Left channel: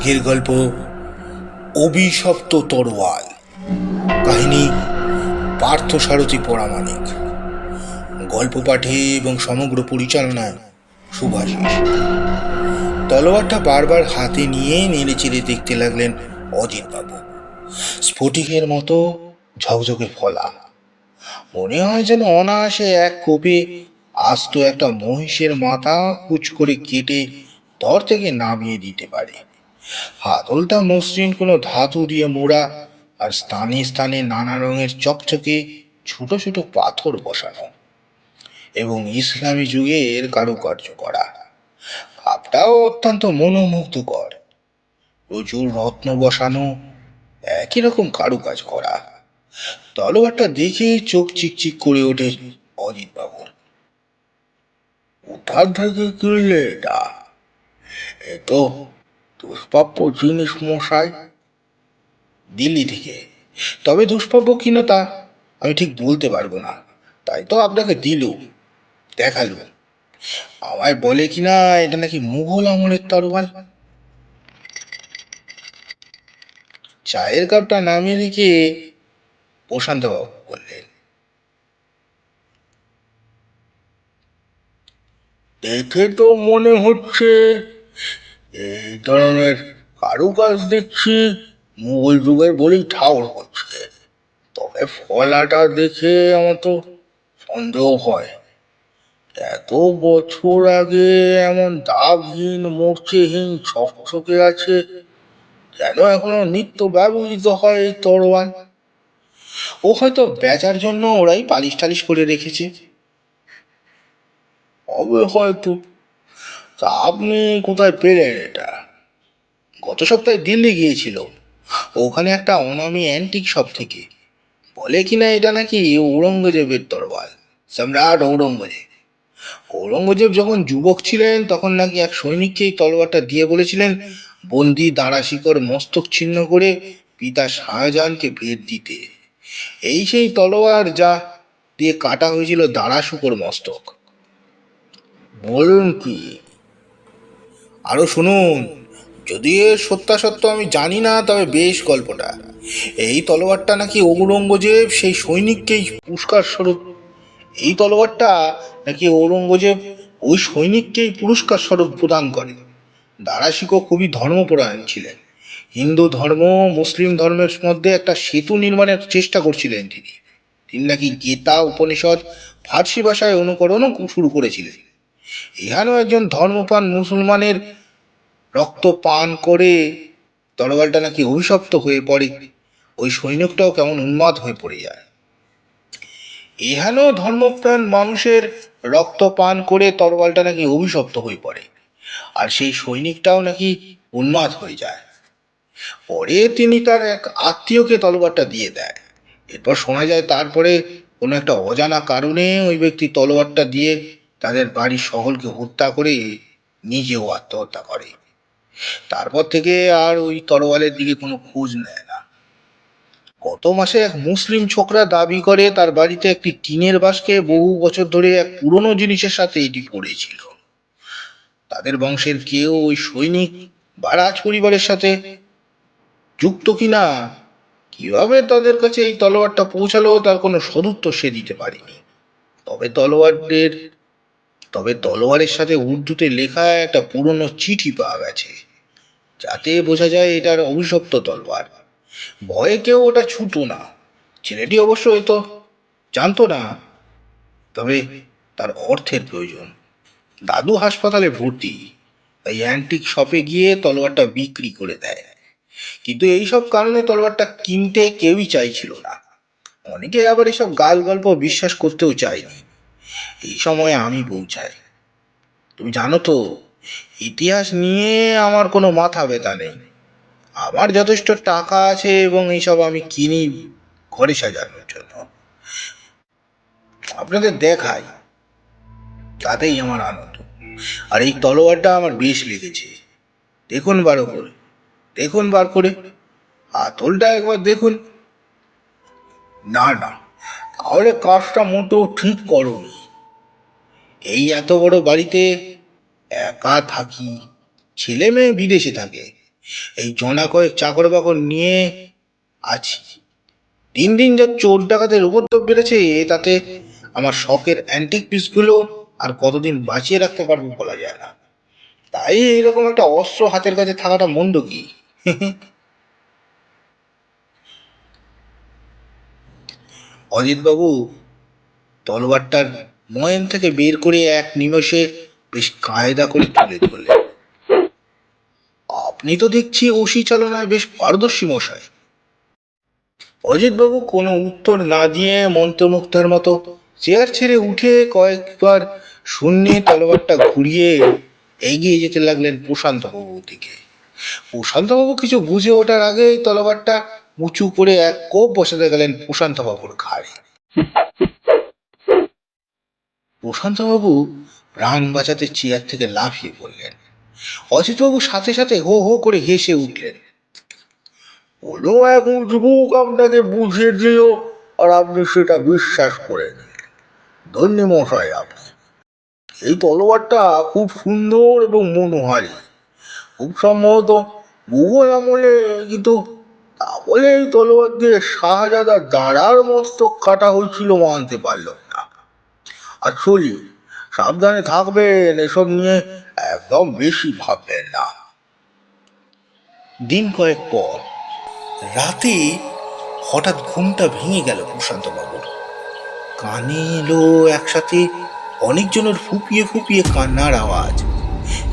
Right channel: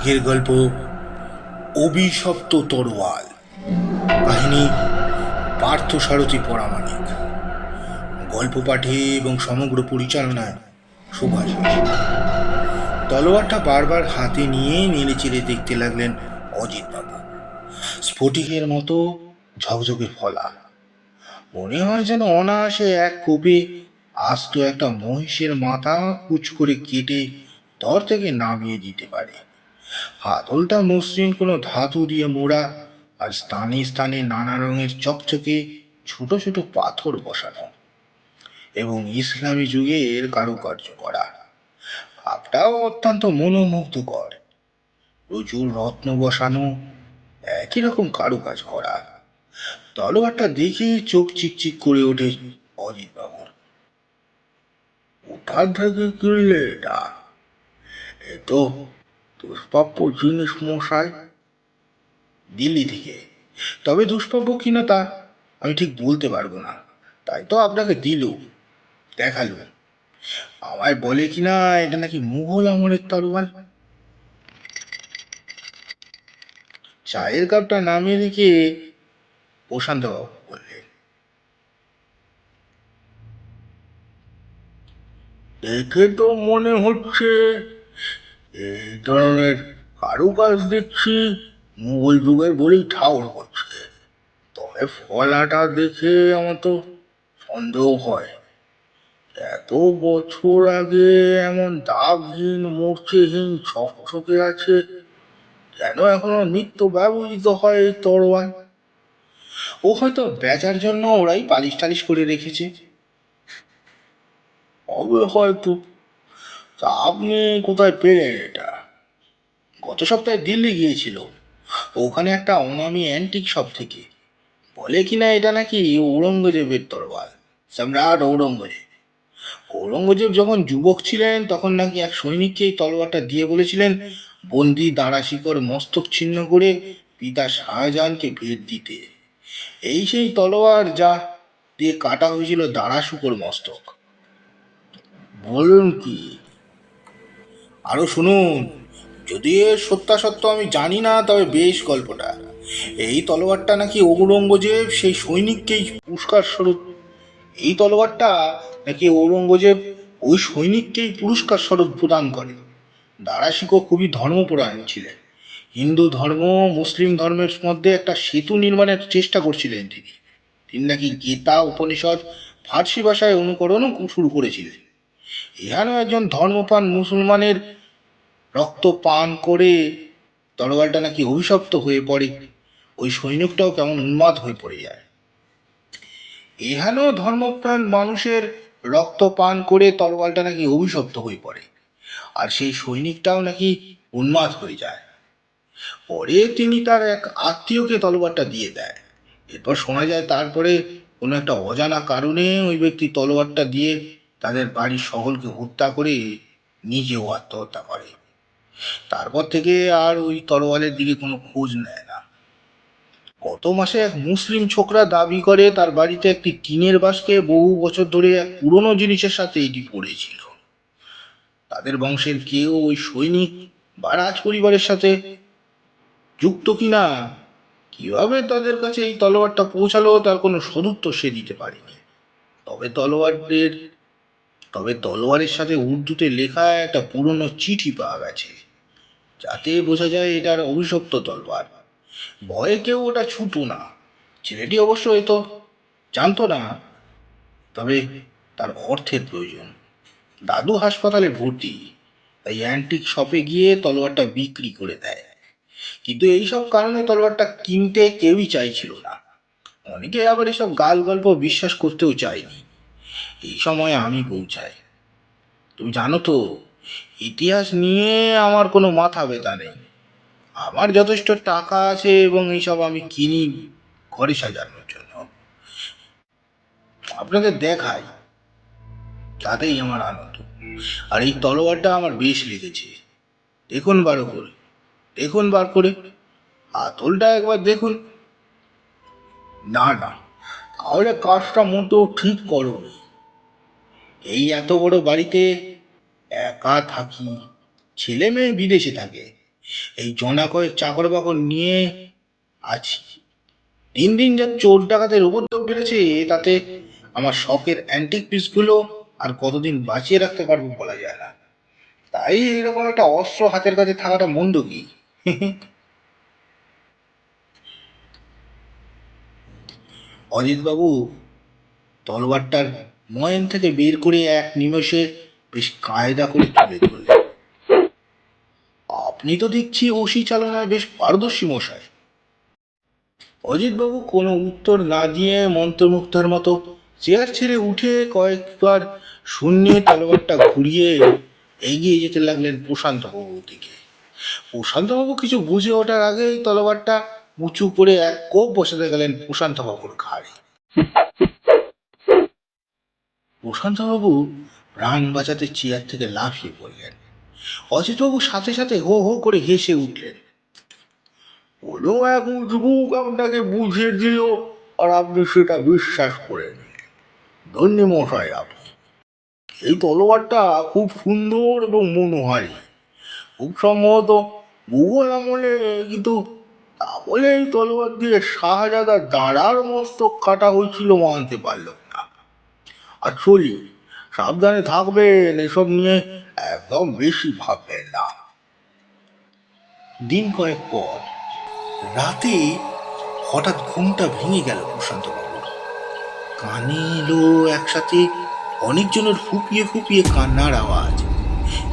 আজকের গল্প অভিশপ্ত তরোয়াল। কাহিনী পার্থসারথী পরামানিক। গল্প পাঠে এবং সমগ্র পরিচালনায় শুভাশিস। তলোয়ারটা বারবার হাতে নিয়ে নেড়ে চেড়ে দেখতে লাগলেন অজিতবাবু। স্ফটিকের মতো ঝকঝকে ফলা, মনে হয় যেন অনায়াসে এক কোপে আস্ত একটা মহিষের মাথা কুচ করে কেটে ধর থেকে নামিয়ে দিতে পারে। হাতলটা মসৃণ কোনো ধাতু দিয়ে মোড়া, আর স্থানে স্থানে নানা রঙের চকচকে ছোট ছোট পাথর বসানো এবং ইসলামী যুগের কারুকার্য করা। ভাবটাও অত্যন্ত মনোমুগ্ধকর। প্রচুর রত্ন বসানো, একই রকম কারুকাজ করা। তলোয়ারটা দেখে চোখ চিকচিক করে ওঠে অজিতবাবু। কোথা থেকে কিনলে এটা? এ তো দুষ্প্রাপ্য জিনিস মশাই। দিল্লি থেকে। তবে দুষ্প্রাপ্য কিনা তা আমি ঠিক বলতে পারবো না, তাই তো আপনাকে দিল, দেখালো। আমায় বলে কিনা এটা নাকি মুঘল আমলের তরোয়াল। চায়ের কাপটা নামিয়ে রেখে প্রশান্ত বাবু বললেন, দেখে তো মনে হচ্ছে এই ধরনের কারুকাজ দেখছি মুঘল যুগের বলেই ঠাউর হচ্ছে। তবে ফলাটা দেখে আমার তো সন্দেহ হয়। এত বছর আগে এমন দাগহীন মূর্তিহীন ঝকঝকে আছে, যেন এখনো নিত্য ব্যবহৃত হয় এই তরোয়াল। ও হয়তো বেচার জন্য ওরাই পালিশ টালিশ করে রেখেছে। হবে হয়তো। তা আপনি কোথায় পেলেন এটা? গত সপ্তাহে দিল্লি গিয়েছিল, ওখানে একটা অনামি অ্যান্টিক শপ থেকে। বলে কিনা এটা নাকি ঔরঙ্গজেবের তরোয়াল, সম্রাট ঔরঙ্গজেব। ঔরঙ্গজেব যখন যুবক ছিলেন তখন নাকি এক সৈনিককে এই তলোয়ারটা দিয়ে বলেছিলেন বন্দি দাঁড়া শিকড় মস্তক ছিন্ন করে পিতা শাহজাহানকে ভেট দিতে। এই সেই তলোয়ার যা দিয়ে কাটা হয়েছিল দাঁড়া শুকর মস্তক। বলুন কি? আরো শুনুন। যদি এর সত্যাসত্য আমি জানি না, তবে বেশ গল্পটা। এই তলোয়ারটা নাকি ঔরঙ্গজেব সেই সৈনিককেই পুরস্কার স্বরূপ এই তলোয়ারটা নাকি ঔরঙ্গজেব ওই সৈনিককেই পুরস্কার স্বরূপ প্রদান করে। দারাশিকো খুবই ধর্মপরায়ণ ছিলেন। হিন্দু ধর্ম মুসলিম ধর্মের মধ্যে একটা সেতু নির্মাণের চেষ্টা করছিলেন তিনি। তিনি নাকি গীতা উপনিষদ ফার্সি ভাষায় অনুকরণও শুরু করেছিলেন। এখানেও একজন ধর্মপ্রাণ মুসলমানের রক্ত পান করে তরোয়ালটা নাকি অভিশপ্ত হয়ে পড়ে। ওই সৈনিকটাও কেমন উন্মাদ হয়ে পড়ে যায়। এখানেও ধর্মপ্রাণ মানুষের রক্ত পান করে তরোয়ালটা নাকি অভিশপ্ত হয়ে পড়ে, আর সেই সৈনিকটাও নাকি উন্মাদ হয়ে যায়। পরে তিনি তার এক আত্মীয়কে তলোয়ারটা দিয়ে দেয়। এরপর শোনা যায় তারপরে কোনো একটা অজানা কারণে ওই ব্যক্তি তলোয়ারটা দিয়ে তাদের বাড়ির সকলকে হত্যা করে নিজেও আত্মহত্যা করে। তারপর থেকে আর ওই তরোয়ালের দিকে কোনো খোঁজ নেয় না। গত মাসে এক মুসলিম ছোকরা দাবি করে তার বাড়িতে একটি টিনের বাসকে বহু বছর ধরে এক পুরনো জিনিসের সাথে এটি পড়েছিল। তাদের বংশের কেউ ওই সৈনিক বা রাজ পরিবারের সাথে যুক্ত কিনা, কিভাবে তাদের কাছে এই তলোয়ারটা পৌঁছালো তার কোনো সদুত্তর সে দিতে পারেনি। তবে তলোয়ারের সাথে উর্দুতে লেখা একটা পুরনো চিঠি পাওয়া গেছে, যাতে বোঝা যায় এটার অভিশপ্ত তলোয়ার। ভয়ে কেউ ওটা ছুতো না। ছেলেটি অবশ্য এ তো জানতো না, তবে তার অর্থের প্রয়োজন। দাদু হাসপাতালে ভর্তি, তাই অ্যান্টিক শপে গিয়ে তলোয়ারটা বিক্রি করে দেয়। কিন্তু এইসব কারণে তলোয়ারটা কিনতে কেউই চাইছিল না। অনেকে আবার এসব গাল গল্প বিশ্বাস করতেও চায়নি। এই সময় আমি পৌঁছাই। তুমি জানো তো, ইতিহাস নিয়ে আমার কোনো মাথা ব্যথা নেই। আমার যথেষ্ট টাকা আছে এবং এইসব আমি কিনি ঘরে সাজানোর জন্য। আপনাদের দেখাই, তাতেই আমার আনন্দ। আর এই তলোয়ারটা আমার বেশ লেগেছে। দেখুন বার করে, দেখুন বার করে হাতলটা একবার দেখুন। না না, তাহলে কাজটা মোটেও ঠিক করোনি। এই এত বড় বাড়িতে একা থাকি, ছেলে মেয়ে বিদেশে থাকে, এই জনা কয়েক চাকর বাকর নিয়ে আছি। দিন দিন যা চোর ডাকাতের উপদ্রব বেড়েছে, তাতে আমার শখের অ্যান্টিক পিসগুলো আর কতদিন বাঁচিয়ে রাখতে পারবো বলা যায় না। তাই এরকম একটা অস্ত্র হাতের কাছে থাকাটা মন্দ কি? অজিতবাবু তলোয়ারটার ময়ন থেকে বের করে এক নিমেষে বেশ কায়দা করে তুলে ধরলেন। আপনি তো দেখছি ওসি চালনায় বেশ পারদর্শী মশাই। অজিতবাবু কোনো উত্তর না দিয়ে মন্ত্রমুগ্ধের মতো চেয়ার ছেড়ে উঠে কয়েকবার শূন্যে তলোয়ারটা ঘুরিয়ে এগিয়ে যেতে লাগলেন প্রশান্ত বাবুর দিকে। প্রশান্ত বাবু কিছু বুঝে ওঠার আগেই তলোয়ারটা উঁচু করে এক কোপ বসাতে গেলেন প্রশান্ত বাবুর ঘাড়ে। প্রশান্ত বাবু প্রাণ বাঁচাতে চেয়ার থেকে লাফিয়ে পড়লেন। অজিতবাবু সাথে সাথে হো হো করে হেসে উঠলেন। কোনো এক উজবুক আপনাকে বুঝিয়ে দিল আর আপনি সেটা বিশ্বাস করে নিলেন। ধন্য মশাই আপনি। এই তলোয়ারটা খুব সুন্দর এবং মনোহারী, খুব সম্ভবত মুঘল আমলে, কিন্তু তা বলে এই তলোয়ার দিয়ে শাহজাদা দাঁড়ার মস্তক কাটা হয়েছিল মানতে পারল না। আর চলি, সাবধানে থাকবেন, এসব নিয়ে একদম বেশি ভাববেন না। দিন কয়েক পর রাতে হঠাৎ ঘুমটা ভেঙে গেল প্রশান্ত বাবুর। কানে এলো একসাথে অনেকজনের ফুপিয়ে ফুপিয়ে কান্নার আওয়াজ।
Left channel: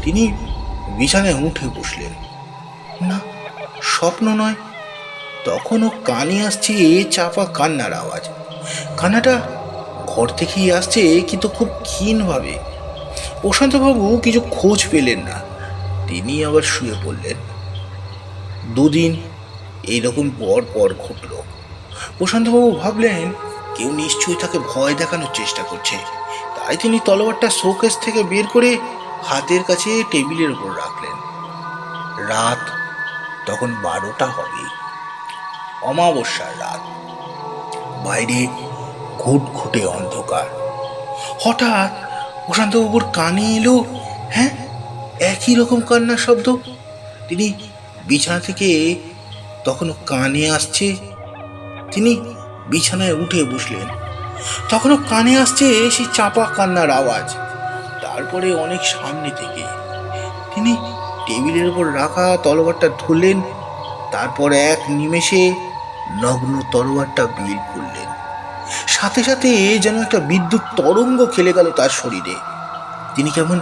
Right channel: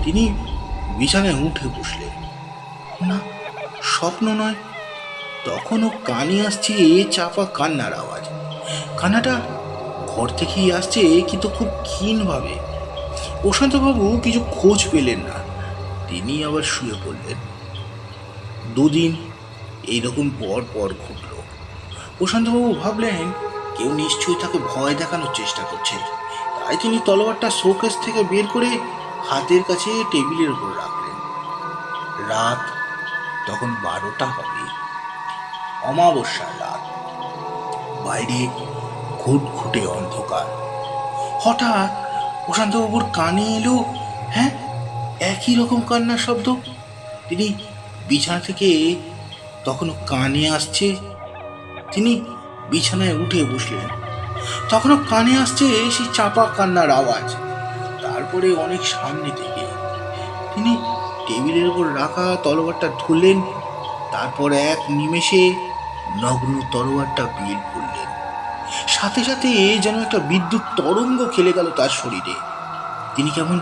তিনি বিছানায় উঠে বসলেন। না, স্বপ্ন নয়, তখনও কানে আসছে চাপা কান্নার আওয়াজ। কান্নাটা ঘর থেকেই আসছে, কিন্তু খুব ক্ষীণভাবে। প্রশান্তবাবু কিছু খোঁজ পেলেন না। তিনি আবার শুয়ে পড়লেন। দুদিন এইরকম পর পর ঘটল। প্রশান্তবাবু ভাবলেন কেউ নিশ্চয়ই তাকে ভয় দেখানোর চেষ্টা করছে। তাই তিনি তলোয়ারটা শোকেস থেকে বের করে হাতের কাছে টেবিলের উপর রাখলেন। রাত তখন 12টা হবে, অমাবস্যার রাত। বাইরে ঘুটঘুটে অন্ধকার। হঠাৎ প্রশান্তবাবুর কানে এলো, হ্যাঁ, একই রকম কান্নার শব্দ। তিনি বিছানা থেকে তখনও কানে আসছে। তিনি বিছানায় উঠে বসলেন। তখনও কানে আসছে সেই চাপা কান্নার আওয়াজ। তারপরে অনেক সামনে থেকে তিনি টেবিলের উপর রাখা তলোয়ারটা ধরলেন। তারপর এক নিমেষে নগ্ন তলোয়ারটা বের করলেন। সাথে সাথে যেন একটা বিদ্যুৎ তরঙ্গ খেলে গেল তার শরীরে। তিনি কেমন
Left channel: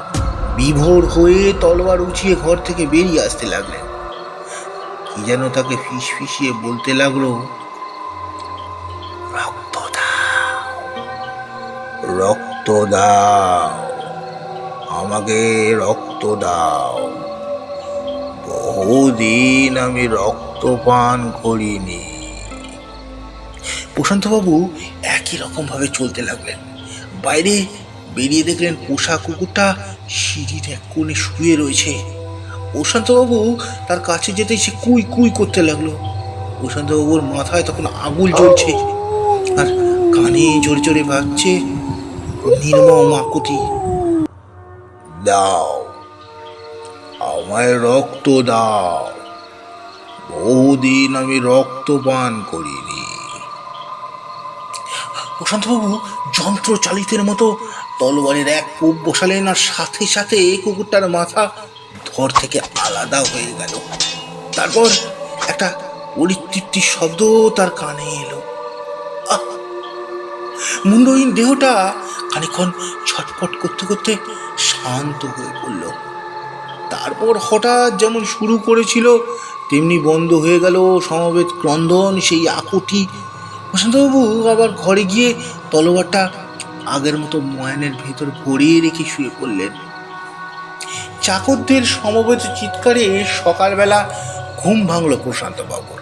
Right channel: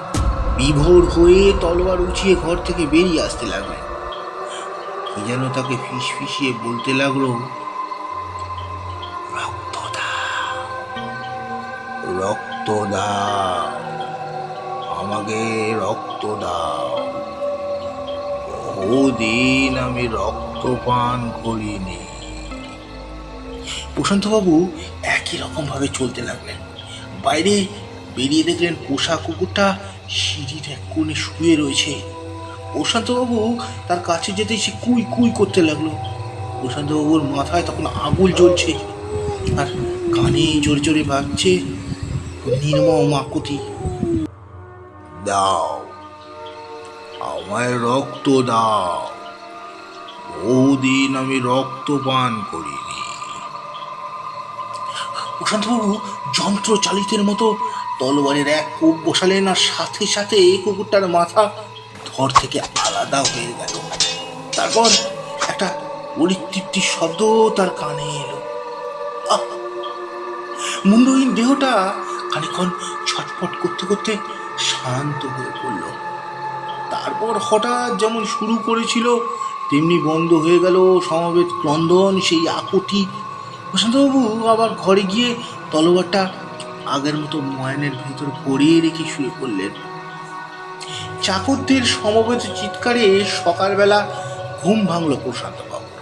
বিভোর হয়ে তলোয়ার উঁচিয়ে ঘর থেকে বেরিয়ে আসতে লাগলেন। কি যেন তাকে ফিস ফিসিয়ে বলতে লাগলো, রক্ত দাও, রক্ত দাও, আমাকে রক্ত দাও। বহুদিন আমি রক্ত পান করিনি। প্রশান্তবাবু একই রকম ভাবে চলতে লাগলেন। বাইরে বেরিয়ে দেখলেন পোষা কুকুরটা সিঁড়ির এক কোণে শুয়ে রয়েছে। প্রশান্তবাবু তার কাছে যেতেই সে কুই কুই করতে লাগলো। প্রশান্তবাবুর মাথায় তখন আগুল জ্বলছে, আর কানে জোরে জোরে বাজছে নির্মম আকুতি, দাও, আমায় রক্ত দাও, বহুদিন আমি রক্ত পান করিনি। প্রশান্তবাবু যন্ত্র চালিতের মতো তলোয়ারের এক কোপ বসালেন, আর সাথে সাথে কুকুরটার মাথা ধর থেকে আলাদা হয়ে গেল। তারপর একটা পরিতৃপ্তি শব্দ তার কানে এলো। মুন্ডহীন দেহটা খানিক্ষণ ছটফট করতে করতে শান্ত হয়ে পড়ল। তারপর হঠাৎ যেমন শুরু করেছিল তেমনি বন্ধ হয়ে গেল সমবেত ক্রন্দন, সেই আকুতি। প্রশান্তবাবু আবার ঘরে গিয়ে তলোয়ারটা আগের মতো ময়নের ভেতর ভরিয়ে রেখে শুয়ে পড়লেন। চাকরদের সমবেত চিৎকারে সকালবেলা ঘুম ভাঙল প্রশান্তবাবুর।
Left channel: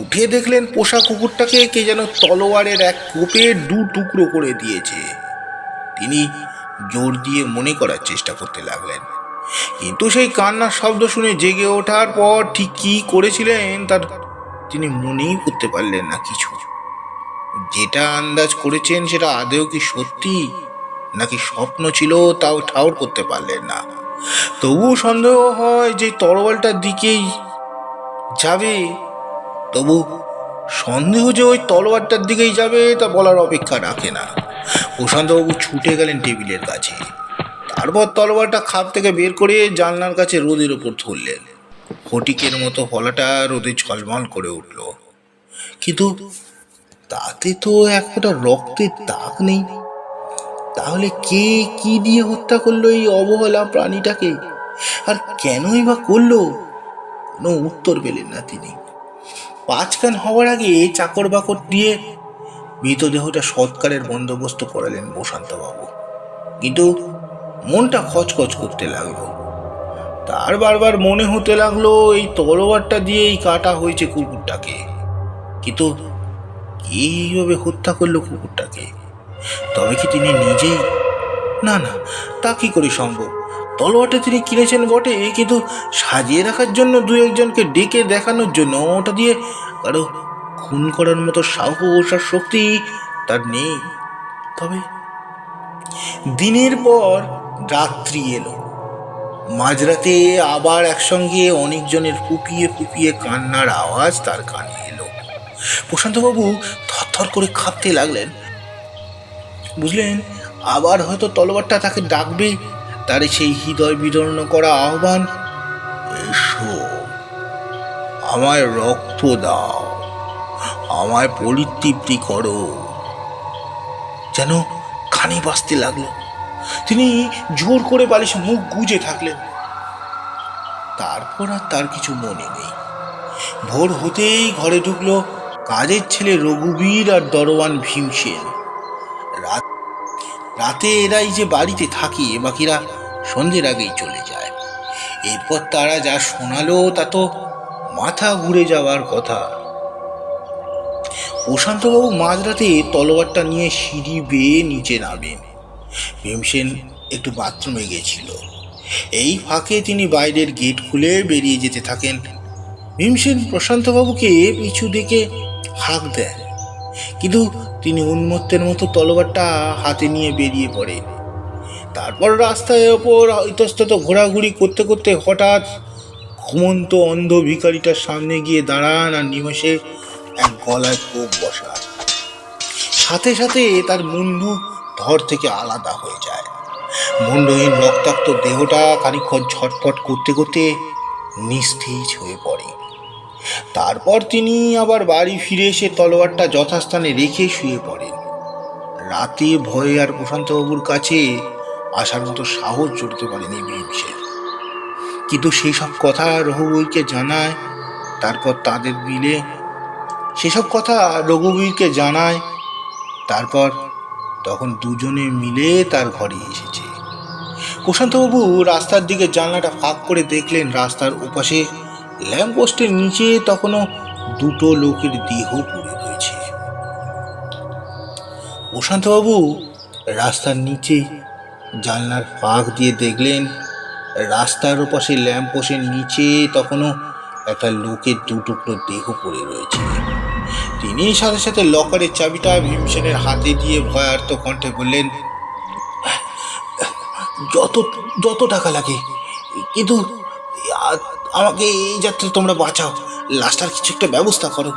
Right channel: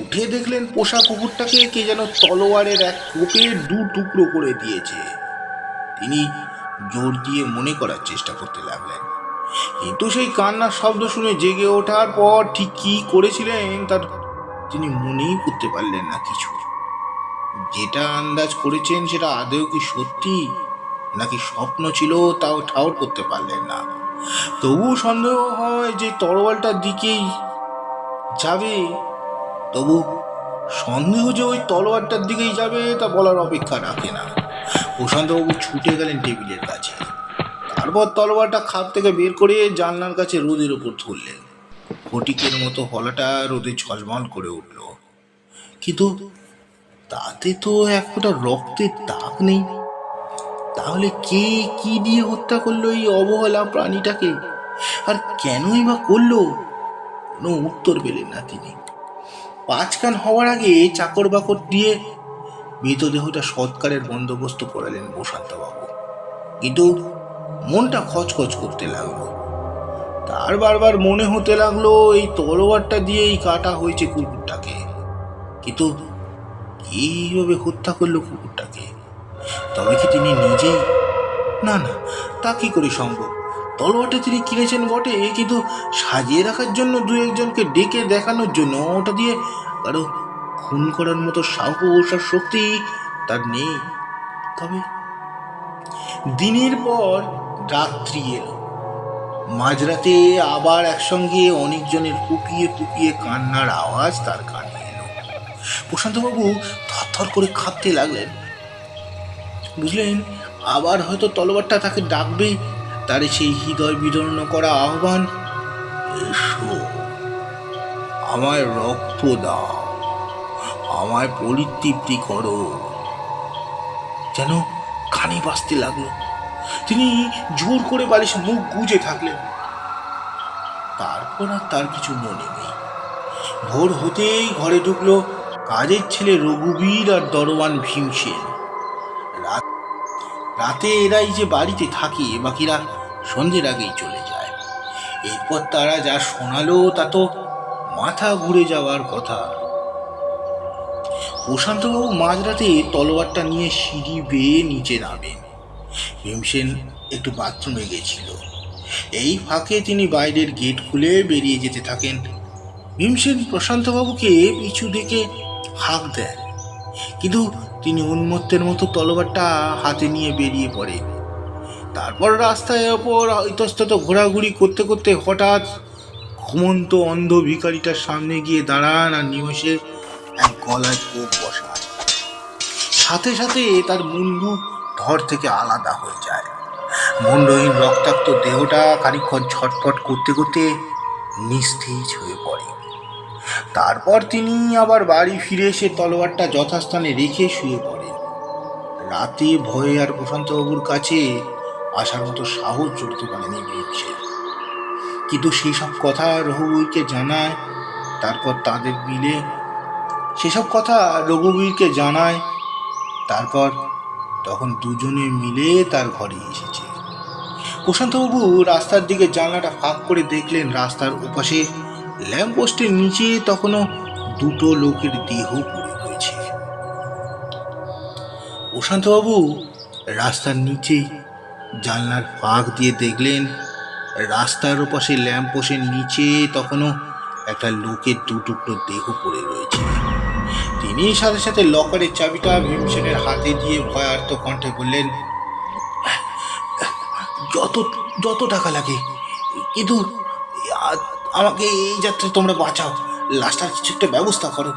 উঠে দেখলেন পোষা কুকুরটাকে কে যেন তলোয়ারের এক কোপে 2 টুকরো করে দিয়েছে। তিনি জোর দিয়ে মনে করার চেষ্টা করতে লাগলেন, কিন্তু সেই কান্নার শব্দ শুনে জেগে ওঠার পর ঠিক কি করেছিলেন তার তিনি মনেই করতে পারলেন না কিছু। যেটা আন্দাজ করেছেন সেটা আদৌ কি সত্যি নাকি স্বপ্ন ছিল তাও ঠাউর করতে পারলেন না। তবুও সন্দেহ হয় যে তরোয়ালটার দিকেই যাবে। তবু সন্দেহ যে ওই তলোয়ারটার দিকেই যাবে তা বলার অপেক্ষা রাখে না। প্রশান্তবাবু ছুটে গেলেন টেবিলের কাছে। তারপর তলোয়ারটা খাপ থেকে বের করে জানলার কাছে রোদের ওপর ধরলেন। ফটিকের মতো ফলাটা রোদে ঝলমল করে উঠল, কিন্তু তাতে তো এক ফোঁটা রক্তের দাগ নেই। তাহলে কে কি দিয়ে হত্যা করলো এই অবহেলা প্রাণীটাকে, আর কেনই বা করলো? কোনো উত্তর পেলেন না তিনি। পাঁচকান হওয়ার আগে চাকর বাকর দিয়ে মৃতদেহটা সৎকারের বন্দোবস্ত করালেন প্রশান্তবাবু, কিন্তু মনটা খচখচ করতে লাগলো। তার বারবার মনে হতে লাগলো এই তলোয়ারটা দিয়েই কাটা হয়েছে কুকুরটাকে, কিন্তু এইভাবে হত্যা করলো কুকুরটাকে? তবে কি তিনি নিজেই? না না, তা কি করে সম্ভব? তলোয়ারটা তিনি কিনেছেন বটে, কিন্তু সাজিয়ে রাখার জন্য দু একজনকে ডেকে দেখানোর জন্য ওটা দিয়ে কারো খুন করার মতো সাহস আর শক্তি তার নেই। তবে দিনের পর রাত্রি এলো। মাঝরাতে আবার একসঙ্গে অনেকজনের ফুপিয়ে ফুপিয়ে কান্নার আওয়াজ তার কানে এলো। প্রশান্তবাবু থরথর করে কাঁপতে লাগলেন। বুঝলেন, আবার হয়তো তলোয়ারটা তাকে ডাকবে, তার সেই হৃদয় বিদীর্ণ করা আহ্বান, এসো, আমায় রক্ত দাও, আমায় পরিতৃপ্তি করো। যেন কানে বাজতে লাগলো। তিনি জোর করে বালিশে মুখ গুজে থাকলেন। তারপর আর তার কিছু মনে নেই। ভোর হতেই ঘরে ঢুকলো কাজের ছেলে রঘুবীর আর দরওয়ান ভীমসেন। রাতে এরাই যে বাড়িতে থাকে, বাকিরা সন্ধ্যের আগেই চলে যায়। এরপর তারা যা শোনালো তা তো মাথা ঘুরে যাওয়ার কথা। প্রশান্তবাবু মাঝরাতে তলোয়ারটা নিয়ে সিঁড়ি বেয়ে নিচে নামেন। ভীমসেন একটু বাথরুমে গেছিল। এই ফাঁকে তিনি বাইরের গেট খুলে বেরিয়ে যেতে থাকেন। ভীমসেন প্রশান্তবাবুকে পিছু দিকে হাঁক দেন, কিন্তু তিনি উন্মত্তের মতো তলোয়ারটা হাতে নিয়ে বেরিয়ে পড়েন। তারপর রাস্তায় ওপর ইতস্তত ঘোরাঘুরি করতে করতে হঠাৎ ঘুমন্ত অন্ধ ভিখারিটার সামনে গিয়ে দাঁড়ান আর নিমেষে এক গলায় কোপ বসান। সাথে সাথে তার মুন্ডু ধর থেকে আলাদা হয়ে যায়। মুন্ডহীন রক্তাক্ত দেহটা খানিকক্ষণ ছটফট করতে করতে নিস্তেজ হয়ে পড়ে। তারপর তিনি আবার বাড়ি ফিরে এসে তলোয়ারটা যথাস্থানে রেখে শুয়ে পড়েন। রাতে ভয়ে আর প্রশান্তবাবুর কাছে আসার মতো সাহস জুটতে পারেনি ভীমসেন, কিন্তু সেই সব কথা রঘুবীরকে জানায়। তারপর তাদের মিলে সেসব কথা রঘুবীরকে জানায়। তারপর তখন দুজনে মিলে তার ঘরে এসেছে। প্রশান্তবাবু রাস্তার দিকে জানলাটা ফাঁক করে দেখলেন রাস্তার ওপাশে ল্যাম্পপোস্টের নিচে তখনও দুটো লোকের দেহ পড়ে রয়েছে। প্রশান্তবাবু রাস্তার নিচে জানলার ফাঁক দিয়ে দেখলেন রাস্তার ওপাশে ল্যাম্পপোস্টের নিচে তখনও একটা লোকের দু টুকরো দেহ পড়ে রয়েছে। তিনি সাথে সাথে লকারের চাবিটা ভীমসেনের হাতে দিয়ে ভয়ার্ত কণ্ঠে বললেন, যত যত টাকা লাগে, কিন্তু আমাকে এই যাত্রা তোমরা বাঁচাও, লাশটার কিছু একটা ব্যবস্থা করো।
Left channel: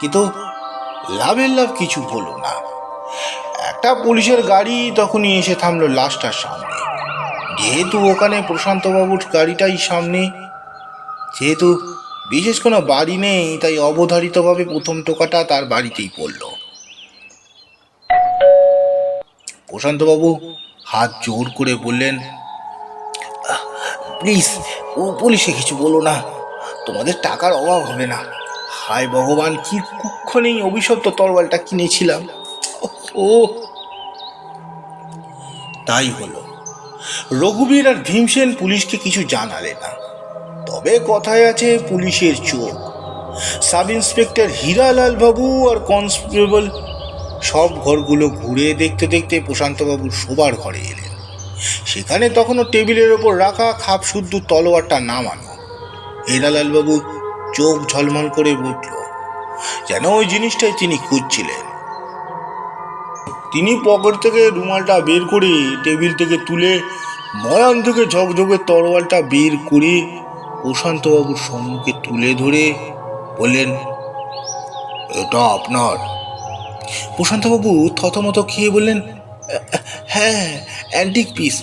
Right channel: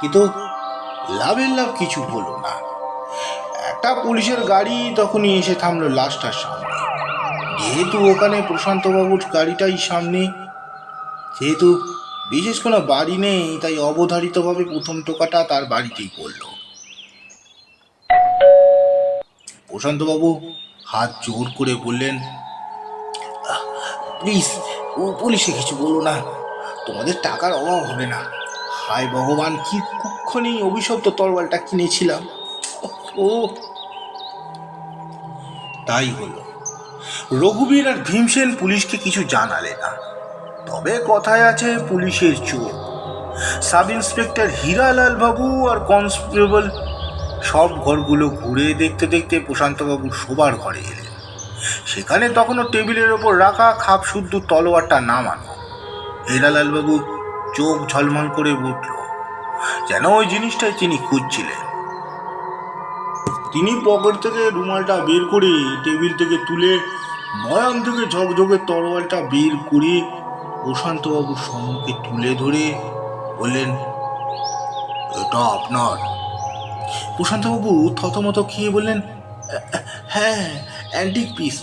কিন্তু লাভের লাভ কিছু হলো না। একটা পুলিশের গাড়ি তখনই এসে থামলো লাশটার সামনে। যেহেতু ওখানে প্রশান্তবাবুর গাড়িটাই সামনে, যেহেতু বিশেষ কোনো বাড়ি নেই, তাই অবধারিতভাবে প্রথম টোকাটা তার বাড়িতেই পড়ল। প্রশান্তবাবু হাত জোর করে বললেন, প্লিজ পুলিশে কিছু বলো না, তোমাদের টাকার অভাব হবে না। হায় ভগবান, কি কুক্ষণেই অভিশপ্ত তরোয়ালটা কিনেছিলাম। ও তাই হলো। রঘুবীর আর ভীমসেন পুলিশকে কিছু জানালে না। তবে কথায় আছে পুলিশের চোখ। সাব ইন্সপেক্টর হীরালাল বাবু আর কনস্টেবল সব ঘরগুলো ঘুরে দেখতে দেখতে প্রশান্তবাবুর শোবার ঘরে এলেন। সেখানে তখনও টেবিলের ওপর রাখা খাপ শুদ্ধ তলোয়ারটা নামানো। হীরালাল বাবু চোখ ঝলমল করে উঠল, যেন ওই জিনিসটাই তিনি খুঁজছিলেন। তিনি পকেট থেকে রুমালটা বের করে টেবিল থেকে তুলে ময়ান থেকে ঝকঝকে তরোয়ালটা বের করে প্রশান্তবাবুর সম্মুখে তুলে ধরে বললেন, এটা আপনার? প্রশান্তবাবু থতমত খেয়ে বললেন, হ্যাঁ, অ্যান্টিক পিস,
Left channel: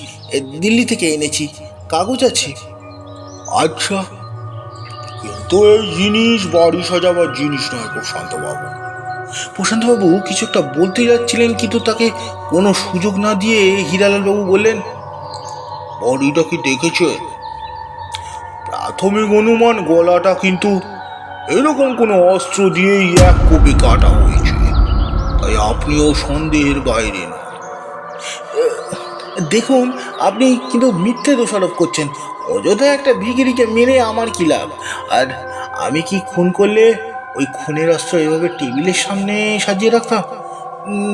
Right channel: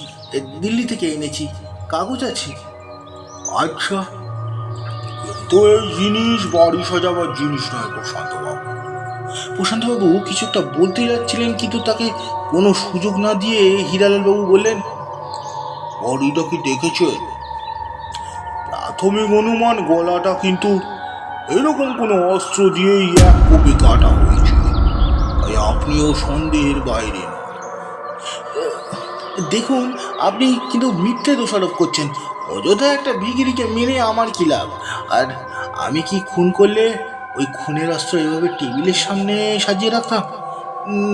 দিল্লি থেকে এনেছি, কাগজ আছে। আচ্ছা, কিন্তু এই জিনিস বাড়ি সাজাবার জিনিস নয় প্রশান্তবাবু। প্রশান্তবাবু কিছু একটা বলতে যাচ্ছিলেন, কিন্তু তাকে কোনো সুযোগ না দিয়ে হীরালাল বাবু বললেন, বডিটা কি দেখেছে? প্রাথমিক অনুমান গলাটা কিন্তু এরকম কোনো অস্ত্র দিয়েই এক কোপে কাটা হয়েছে, তাই আপনিও সন্দেহের বাইরে না। দেখুন, আপনি কিন্তু মিথ্যে দোষারোপ করছেন। অযথা একটা ভিখিরিকে মেরে আমার কি লাভ? আর আমি কি খুন করলে ওই খুনের অস্ত্র এভাবে টেবিলের সামনে সাজিয়ে রাখতাম?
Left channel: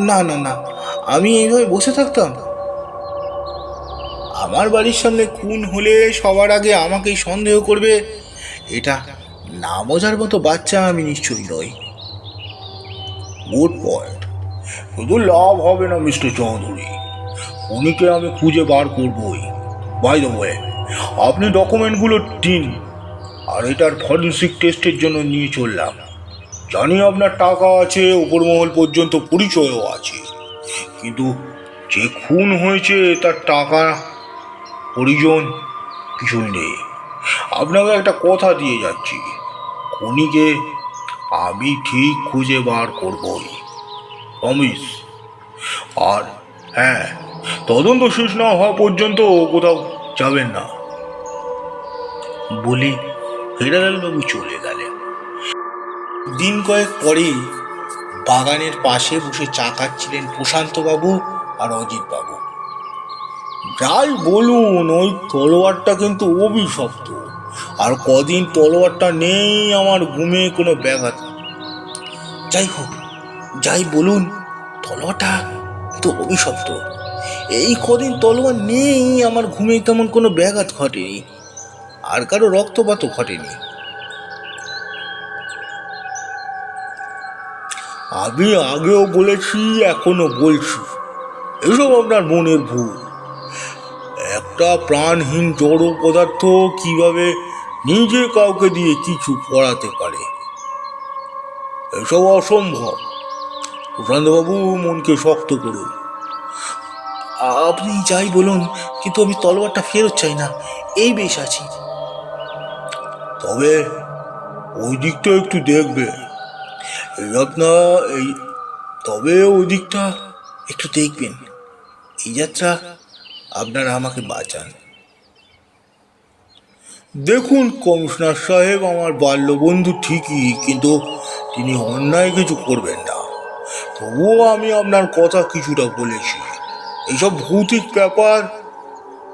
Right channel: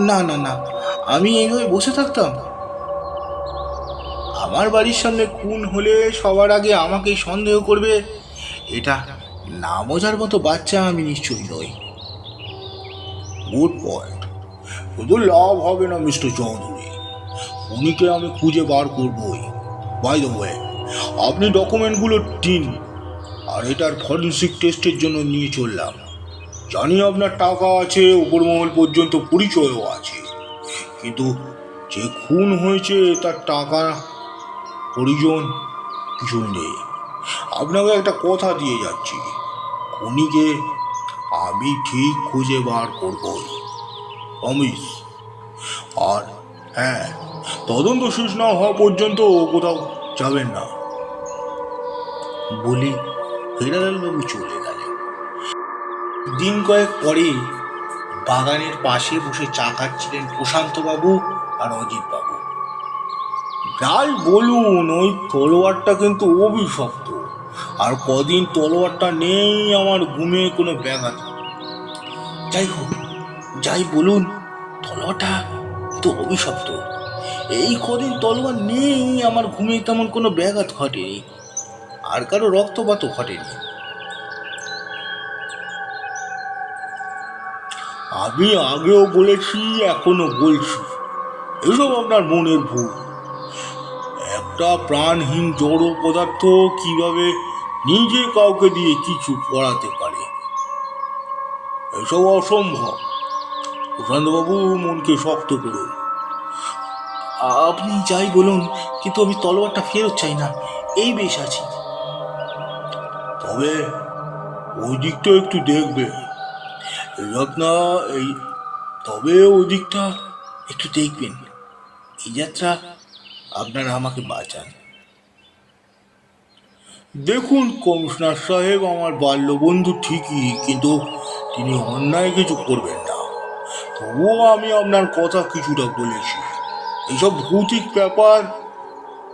না না না, আমি এইভাবে বসে থাকতাম? আমার বাড়ির সামনে খুন হলে সবার আগে আমাকেই সন্দেহ করবে, এটা না বোঝার মতো বাচ্চা আমি নিশ্চয়ই নই। গুড পয়েন্ট, শুধু লাভ হবে না মিস্টার চৌধুরী, উনিকে আমি খুঁজে বার করবই। বাই দ্য ওয়ে, আপনি ডকুমেন্টগুলো দিন, আর এটার ফরেন্সিক টেস্টের জন্য নিয়ে চললাম। জানি আপনার টাকা আছে, উপরমহল পর্যন্ত পরিচয়ও আছে, কিন্তু যে খুন হয়েছে তার টাকা পরিজন কিছুই নেই। আপনাকে একটা কথা দিয়ে যাচ্ছি, খুনিকে আমি ঠিক খুঁজে বার করবই, প্রমিস। আর হ্যাঁ, তদন্ত শেষ না হওয়া পর্যন্ত কোথাও যাবেন না। বলে হিরালালবাবু চলে গেলেন। দিন কয়েক পরে বাগানের পাশে বসে চা খাচ্ছিলেন প্রশান্তবাবু আর অজিতবাবু। যাই বলুন, ওই তলোয়ারটা কিন্তু অভিশপ্ত, আর কদিন তলোয়ারটা নেই আমার ঘুমে কোনো ব্যাঘাত। যাই হোক, যাই বলুন, তলোয়ারটা তো অভিশপ্ত। এই কদিন তলোয়ার নেই আমার ঘুমে তেমন কোনো ব্যাঘাত ঘটেনি, আর কারো রক্তপাতও ঘটেনি। আমি আগেও বলেছি, এখনো বলছি, এসব আপনার মনের ভুল। একটা প্রাণহীন জড় পদার্থ কিভাবে নিজে কাউকে দিয়ে কিছু করাতে পারে, এসব অসম্ভব। প্রশান্তবাবু, মনকে শক্ত করুন। আপনি যাই বলুন, কিন্তু আমি তলোয়ারটা ফেরত চাই না, এই বেশ আছি। তবে ওই দিকটা একটু দেখবে, এই আপনার এই তবে ওই দিকটা একটু দেখবেন। এই যাত্রা আপনারা আমাকে বাঁচান। দেখুন কমিশনার সাহেব, আমার বাল্যবন্ধু ঠিকই, কিন্তু তিনি অন্যায় কিছু করবেন না। তবুও আমি আপনার কথা কিছুটা বলেছি। এইসব ভৌতিক ব্যাপার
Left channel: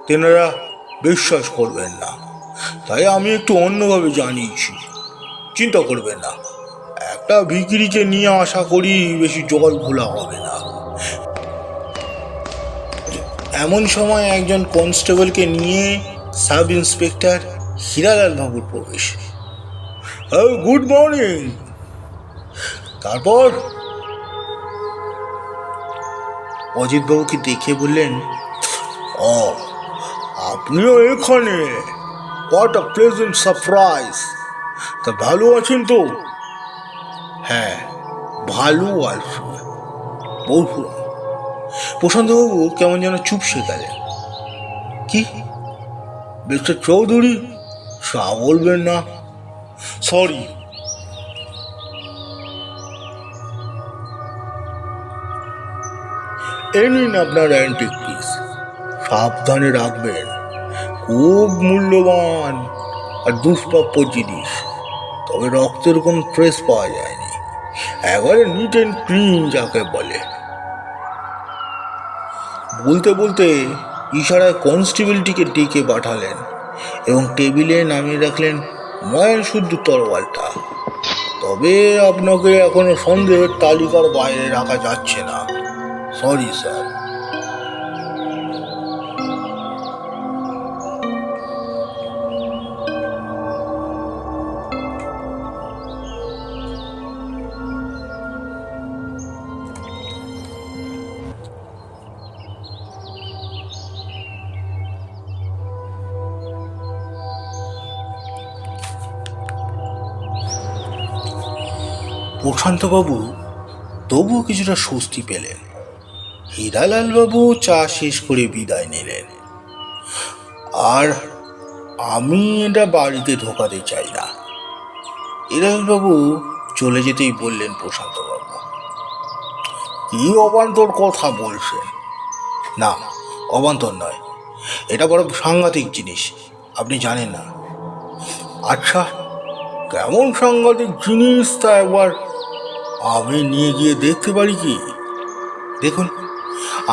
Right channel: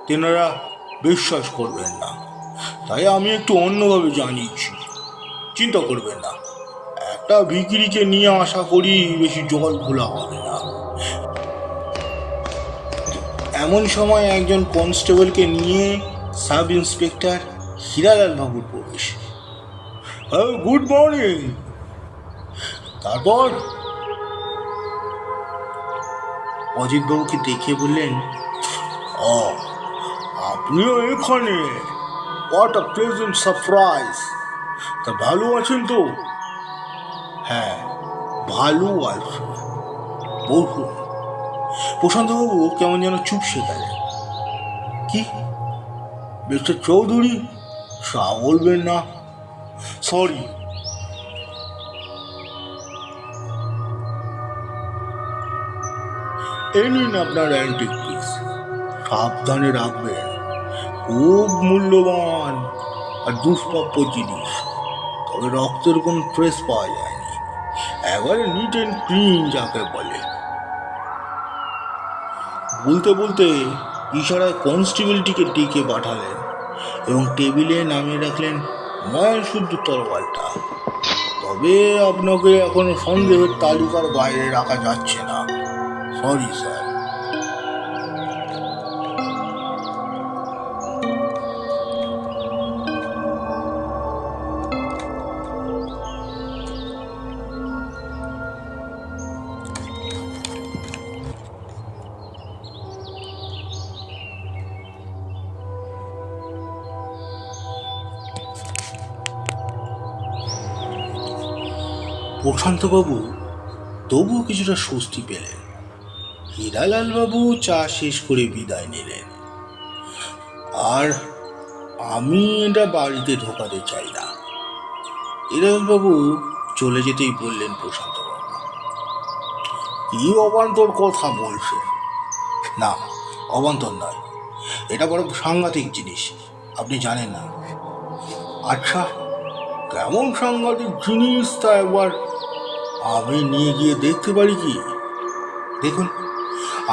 তেনারা বিশ্বাস করবেন না, তাই আমি একটু অন্যভাবে জানিয়েছি। চিন্তা করবেন না, একটা ভিখিরিকে নিয়ে আশা করি বেশি জল ঘোলা হবে না। এমন সময় একজন কনস্টেবলকে নিয়ে সাব ইন্সপেক্টর হীরালাল বাবুর প্রবেশ। Good morning. তারপর অজিতবাবুকে দেখে বললেন, ও, আপনিও এখানে, হোয়াট আ প্লেজেন্ট সারপ্রাইজ। তা ভালো আছেন তো? হ্যাঁ, ভালো আছি। বসুন। প্রশান্তবাবু কেমন যেন চুপসে গেলেন। কি মিস্টার চৌধুরী, চা বলবেন না? সরি। এই নিন আপনার অ্যান্টিক পিস, সাবধানে রাখবেন, খুব মূল্যবান আর দুষ্প্রাপ্য জিনিস। তবে রক্তের কোনো ট্রেস পাওয়া যায়নি, একেবারে নিট অ্যান্ড ক্লিন যাকে বলে। বলতে বলতে ইশারায় কনস্টেবলটিকে ডেকে পাঠালেন এবং টেবিলে নামিয়ে রাখলেন ময়ান শুদ্ধ তরোয়ালটা। তবে আপনাকে এখনো সন্দেহের তালিকার বাইরে রাখা যাচ্ছে না, সরি স্যার। প্রশান্তবাবু তবুও কিছুটা স্বস্তি পেলেন। হীরালালবাবু চা শেষ করে বিদায় নিলেন। আর আমি এটা বাড়িতে ঢোকাতে চাই না, হীরালালবাবু চলে যেতেই বললেন প্রশান্তবাবু। কি অবান্তর কথা বলছেন? না, অবান্তর নয়, এটা বড় সাংঘাতিক জিনিস, আপনি জানেন না। আচ্ছা, কেমন সাংঘাতিক জিনিস তা একবার আমি নিয়ে গিয়ে দেখতে পারি কি? দেখুন,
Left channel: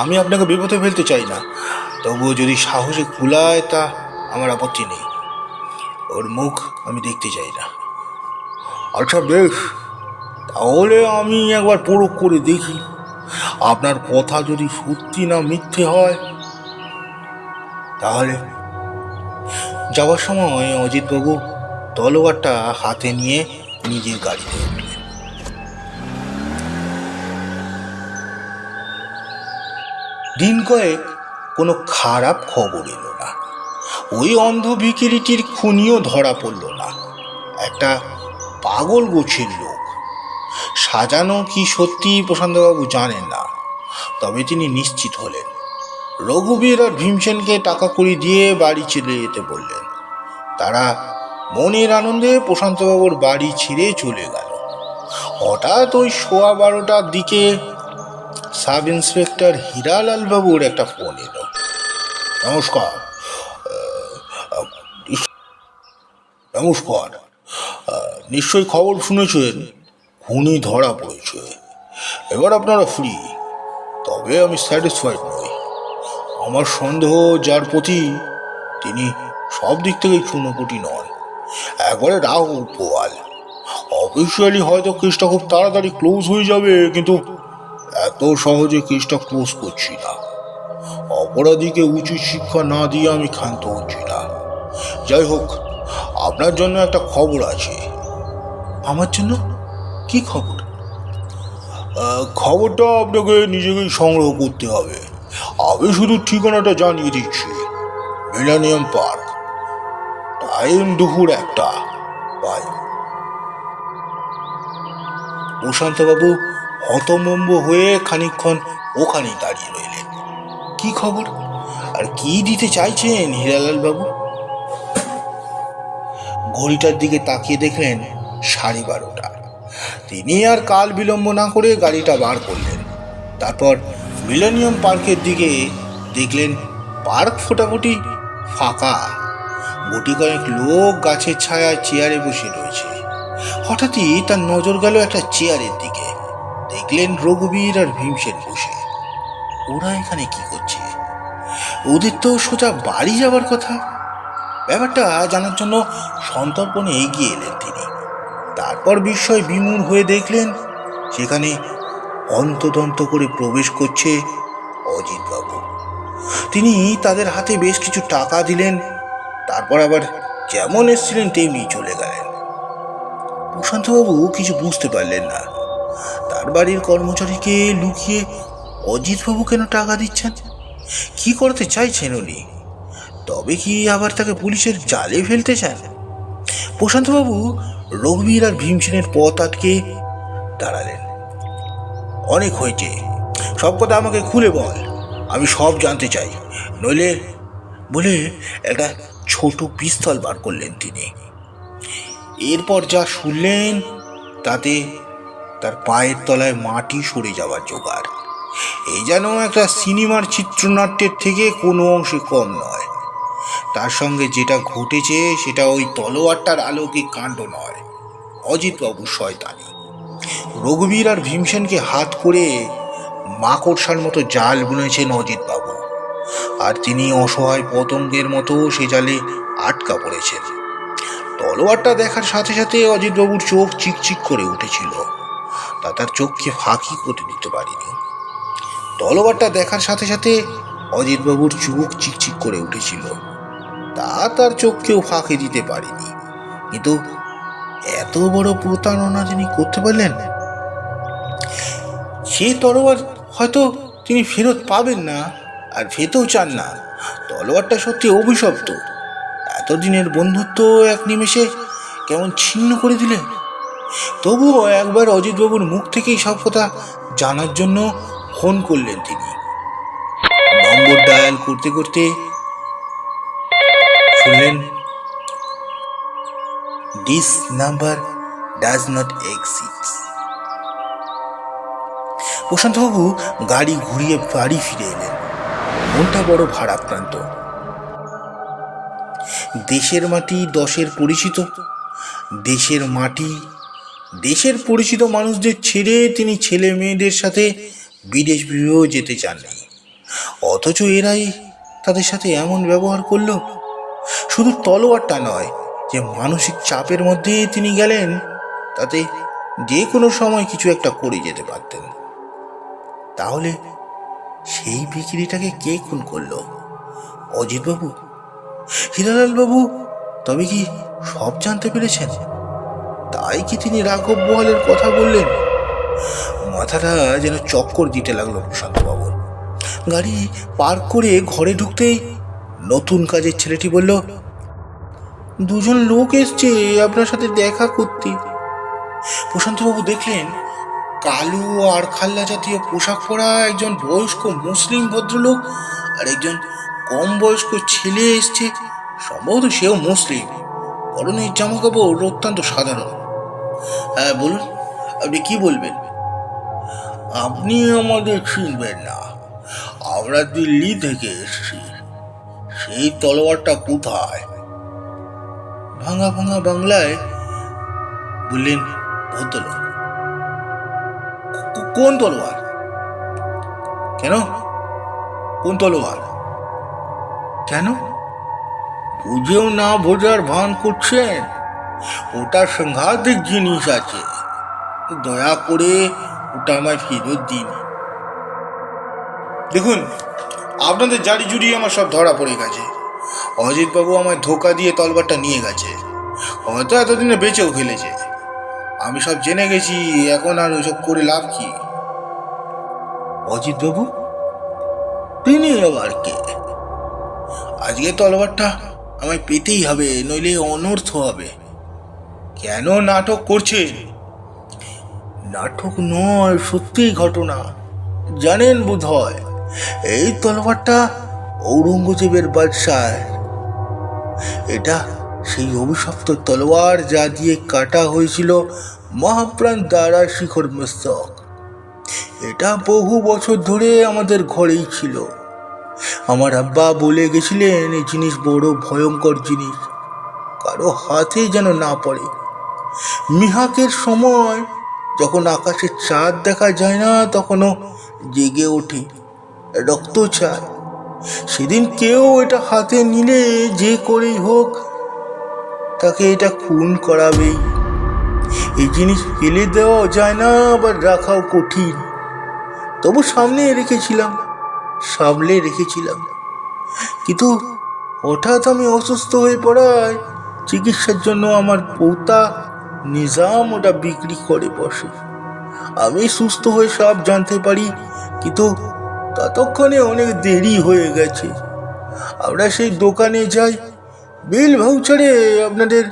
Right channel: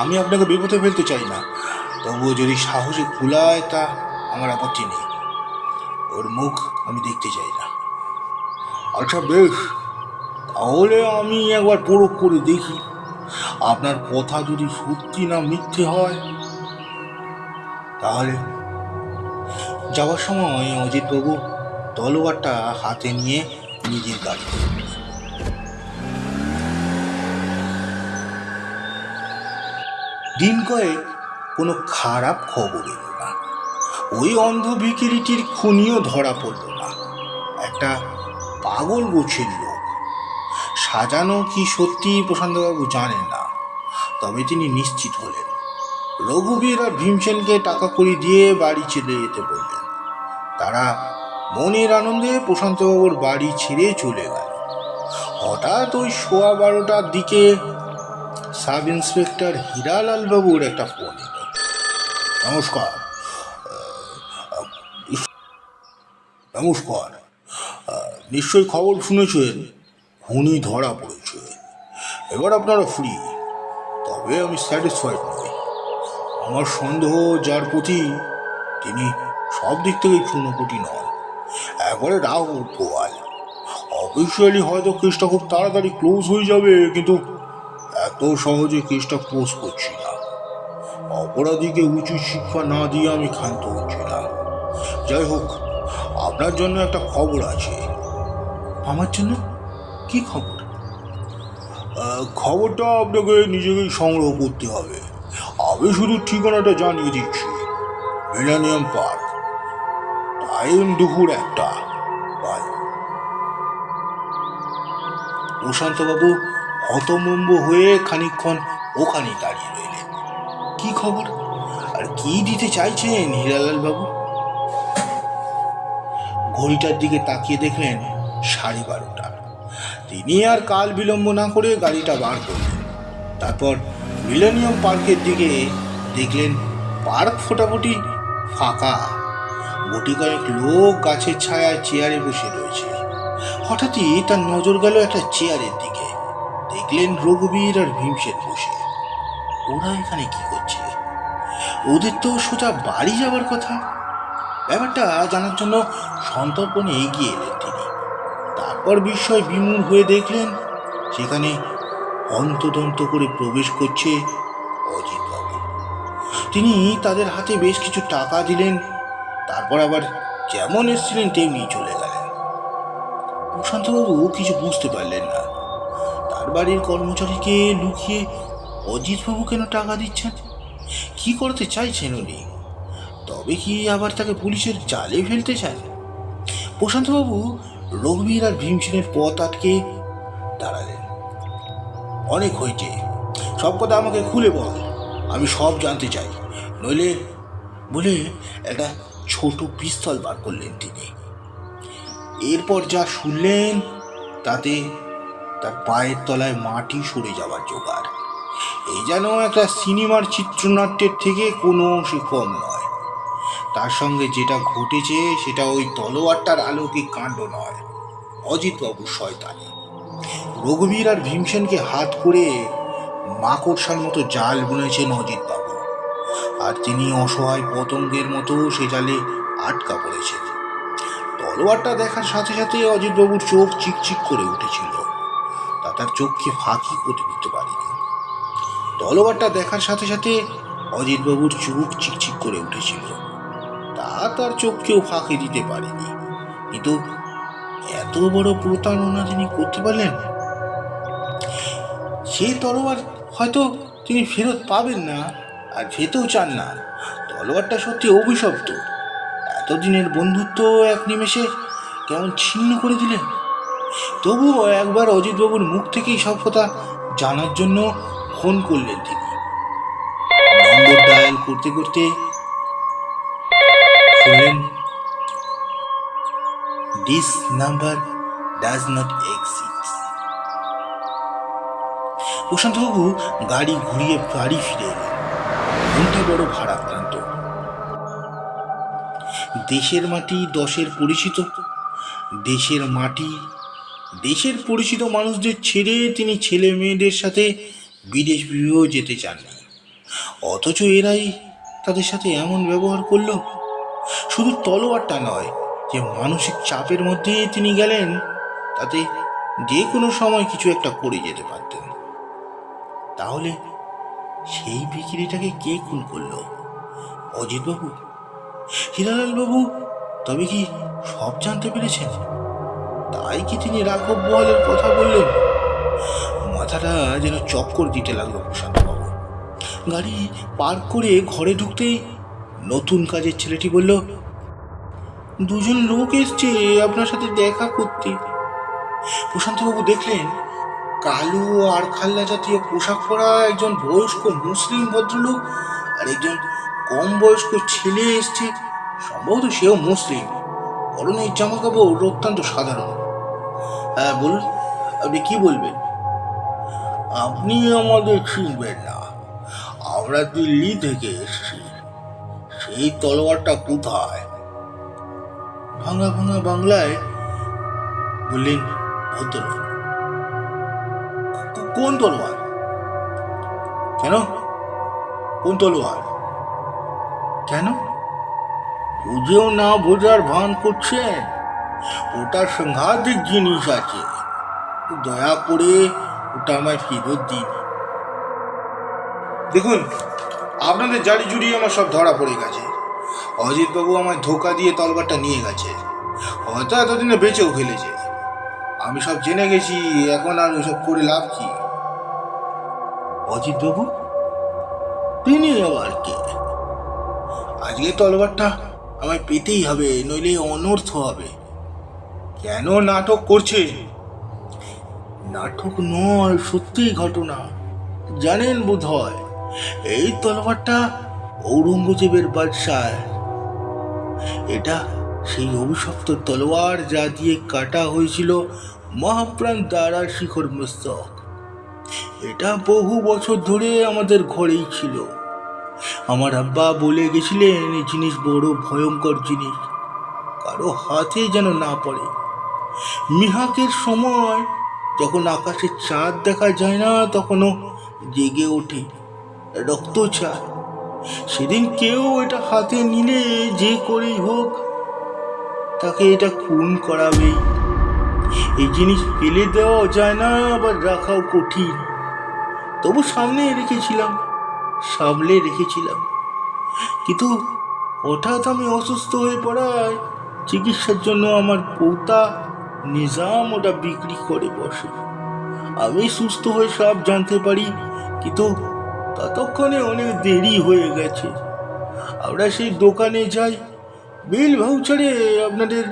আমি আপনাকে বিপদে ফেলতে চাই না, তবুও যদি সাহসে কুলায় তা আমার আপত্তি নেই। ওর মুখ আমি দেখতে চাই না। আচ্ছা বেশ, তাহলে আমি একবার পরখ করে দেখি আপনার কথা যদি সত্যি না মিথ্যে হয়। তাহলে যাওয়ার সময় অজিতবাবু তলোয়ারটা হাতে নিয়ে নিজের গাড়িতে উঠলেন। দিন কয়েক কোনো খারাপ খবর এলো না। ওই অন্ধ ভিখিরিটির খুনিও ধরা পড়ল না। একটা পাগল গোছের লোক, সাজানো কি সত্যি প্রশান্তবাবু জানেন না, তবে তিনি নিশ্চিত হলেন। রঘুবীর আর ভীমসেনকে টাকা কড়ি দিয়ে বাড়ি চলে যেতে বললেন। তারা মনের আনন্দে প্রশান্তবাবুর বাড়ি ছেড়ে চলে গেল। হঠাৎ ওই 12:15টার দিকে সাব ইন্সপেক্টর হীরালাল বাবুর একটা ফোন এলো। নমস্কার। নমস্কার, নিশ্চয়ই খবর শুনেছেন, খুনি ধরা পড়েছে। এবার আপনারা ফ্রি। তবে আমি স্যাটিসফাইড নই। আমার সন্দেহ যার প্রতি, তিনি সব দিক থেকেই চুনোপুটি নন, একবারে রাহুল পোয়াল। অফিসিয়ালি হয়তো কেসটা খুব তাড়াতাড়ি ক্লোজ হয়ে যাবে, কিন্তু এত সহজে কেসটা ক্লোজ করছি না। অপরাধীকে উচিত শিক্ষা না দিয়ে আমি ক্ষান্ত হচ্ছি না। যাই হোক, আপনার জন্য একটা খবর আছে। আমার জন্য? কি খবর? খবরটা আপনাকে নিজেকেই সংগ্রহ করতে হবে। আমি শুধু ঠিকানাটা জানিয়ে দিচ্ছি। মিলেনিয়াম পার্ক, টাইম দুপুর 1টা। বাই। প্রশান্তবাবু হতমম্ব হয়ে খানিকক্ষণ ওখানেই দাঁড়িয়ে রইলেন। কি খবর আর কি দিতে চাইছেন হীরালাল বাবু? ঘড়িটার দিকে তাকিয়ে দেখলেন 12:30। তিনি আর কাল বিলম্ব না করে গাড়িটা বার করলেন। তারপর মিলেনিয়াম পার্কের দিকে দেখলেন পার্ক ফোটাফুটি ফাঁকা। গুটি কয়েক লোক গাছের ছায়ায় চেয়ারে বসে রয়েছে। হঠাৎই তার নজর গেল একটা চেয়ারের দিকে। দেখলেন রঘুবীর আর ভীমসেন বসে। ওরা এখানে কি করছে? ওদের তো সোজা বাড়ি যাবার কথা। ব্যাপারটা জানার জন্য সন্তর্পণে এগিয়ে এলেন তিনি। তারপর বিস্ময় বিমূঢ় হয়ে দেখলেন সেখানে অন্তদন্ত করে প্রবেশ করছে অজিতবাবু। তিনি তাদের হাতে বেশ কিছু টাকা দিলেন, তারপর আবার যেমন এসেছিলেন তেমনি চলে গেলেন। প্রশান্তবাবু কিছু বুঝতে পারলেন না। তার বাড়ির কর্মচারীকে লুকিয়ে অজিতবাবু কেন টাকা দিচ্ছেন? কি করতে চাইছেন উনি? তবে কি আবার তাকে পুলিশের জালে ফেলতে চান? প্রশান্তবাবু রঘুবীর আর ভীমসেনের পথ আটকে দাঁড়ালেন। অনেক হয়েছে, সব কথা আমাকে খুলে বল, আমি সব জানতে চাই, নইলে বলে একটা ছোট পিস্তল বার করলেন তিনি। এরপর যা শুনলেন তাতে তার পায়ের তলায় মাটি সরে যাওয়ার জোগাড়। এই যেন একটা সিনেমার চিত্রনাট্যের থেকে কোনো অংশে কম নয়। তার সঙ্গে যেটা ঘটেছে সেটা ওই তলোয়ারটার আলৌকিক কাণ্ড নয়, অজিতবাবুর শয়তানি। রঘুবীর আর ভীমসেনকে হাত করে মাকড়সার মতো জাল বুনেছেন অজিতবাবু, আর তিনি অসহায় পতঙ্গের মতো সে জালে আটকা পড়েছেন। তলোয়ারটা দেখার সাথে সাথে অজিতবাবুর চোখ চিকচিক করে উঠেছিল, তা তার চোখকে ফাঁকি করতে দিতে পারিনি। তলোয়ারটা দেখার সাথে সাথে অজিতবাবুর চোখ চিকচিক করে উঠেছিল, তা তার চোখকেও ফাঁকি দিতে পারিনি। কিন্তু এত বড় প্রতারণা তিনি করতে পারলেন। সে তলোয়ার হয়তো তিনি ফেরত পাবেন না, আর পেতেও চান না। তলোয়ারটা সত্যি অভিশপ্ত। এতদিনের বন্ধুত্ব এক নিমেষে কেমন ছিন্ন করে দিলেন। তবুও একবার অজিতবাবুর মুখ থেকেই সব কথা জানার জন্য ফোন করলেন তিনি। নম্বর ডায়াল করতে করতে শুনলেন, this number does not exist. প্রশান্তবাবু গাড়ি ঘুরিয়ে বাড়ি ফিরে এলেন। মনটা বড় ভারাক্রান্ত। দেশের মাটি দশের পরিচিত, দেশের মাটি দেশের পরিচিত মানুষদের ছেড়ে তিনি ছেলে মেয়েদের সাথে বিদেশ বিভেও যেতে চাননি, অথচ এরাই তাদের সাথে এমন ব্যবহার করলো। শুধু তলোয়ারটা নয়, যে মানসিক চাপের মধ্যে তিনি গেলেন, তাতে যে কোনো সময় কিছু একটা করে যেতে পারতেন। তাহলে সেই বিক্রিটাকে কে খুন করলো? অজিতবাবু? হীরালাল বাবু তবে কি সব জানতে পেরেছেন? তাই কি তিনি রাঘব বোয়ালের কথা বললেন? মাথাটা যেন চক্কর দিতে লাগলো প্রশান্তবাবু। গাড়ি পার্ক করে ঘরে ঢুকতেই নতুন কাজের ছেলেটি বলল, দুজন লোক এসছে আপনার সাথে দেখা করতে। প্রশান্তবাবু দেখলেন কালো আর খাল্লা জাতীয় পোশাক পরা একজন বয়স্ক মুসলিম ভদ্রলোক আর একজন কম বয়স্ক ছেলে এসছে। সম্ভবত সেও মুসলিম, পরনের জামা কাপড় অত্যন্ত সাধারণ। হ্যাঁ বলুন, আপনি কি বলবেন? আপনি আমাদের চিনবেন না, আমরা দিল্লি থেকে এসেছি। সেই তলোয়ারটা কোথায়? ভাঙা ভাঙা বাংলায় বললেন ভদ্রলোক। কোন তলোয়ার? কেন? কোন তলোয়ার? কেন বুঝেও না বোঝার ভান করছেন? ওটা সাংঘাতিক জিনিস আছে, দয়া করে ওটা আমায় ফেরত দিন। দেখুন, আপনাদের জারি জুড়ি আমার সব ধরা পড়ে গেছে। অজিতবাবু আমায় ধোকা দিয়ে তলবারটা নিয়ে গেছে, হয়তো এতদিনে বেঁচেও ফেলেছে। আমি সব জেনে গেছি, এখন আর ওইসব করে লাভ কি? অজিতবাবু? তিনি আবার কে? আজকে তলবারটা আমায় পেতেই হবে, নইলে অনর্থ হবে। কেন নাটক করছে? নাটক নয়, সত্যি ঘটনা। জানেন বোধ হয় এই তলোয়ারটা ঔরঙ্গজেবের বাদশাহ। এটা সেই অভিশপ্ত তলোয়ার যা দিয়ে কাটা হয়েছিল মহাপ্রাণ দারা শিখর মস্তক। এটা বহু বছর ধরে আমাদের ঘরেই ছিল। আমার আব্বা বলে গেছিলেন এই জিনিস বড় ভয়ঙ্কর জিনিস, কারো হাতে যেন না পড়ে। মিহাকের সময় যখন আকাশে চাঁদ দেখা যায় না, তখনও জেগে ওঠে, রক্ত চায়। সেদিন কেউ এটা হাতে নিলে যে করেই হোক তাকে এটা খুন করাবেই। এই জিনিস ফেলে দেওয়া যায় না, আবার রাখাও কঠিন। তবু সামলে রেখেছিলাম। কিন্তু হঠাৎ আমি অসুস্থ হয়ে পড়ায় চিকিৎসার জন্য আমার পোতা নিজাম ওটা বিক্রি করে বসে। আমি সুস্থ হয়ে সব জানতে পারি, কিন্তু ততক্ষণে অনেক দেরি হয়ে গেছে। আমরা সেই দোকানে যাই, বিল ভাউচারে আপনাদের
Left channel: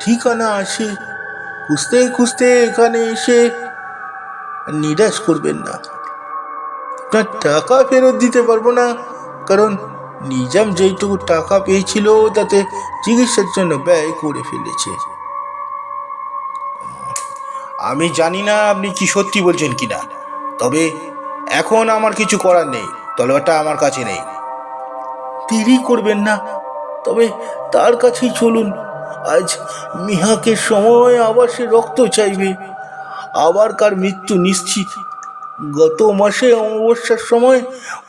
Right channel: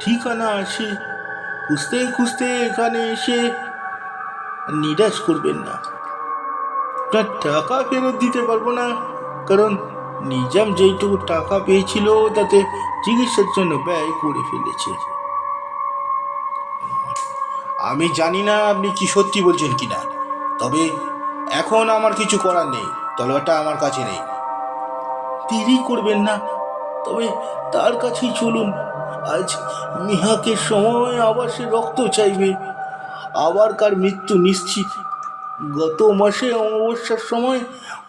ঠিকানা আছে। খুঁজতে খুঁজতে এখানে এসে নিরাশ করবেন না, আপনার টাকা ফেরত দিতে পারবো না, কারণ নিজাম যেইটুকু টাকা পেয়েছিল তাতে চিকিৎসার জন্য ব্যয় করে ফেলেছে। আমি জানি না আপনি কি সত্যি বলছেন কিনা, তবে এখন আমার কিছু করার নেই, তলোয়ারটা আমার কাছে নেই। দেরি করবেন না, তবে তার কাছেই চলুন। আজ মিহাকের সময় আবার সে রক্ত চাইবে, আবার কার মৃত্যু নিশ্চিত। গত মাসে অমাবস্যার সময়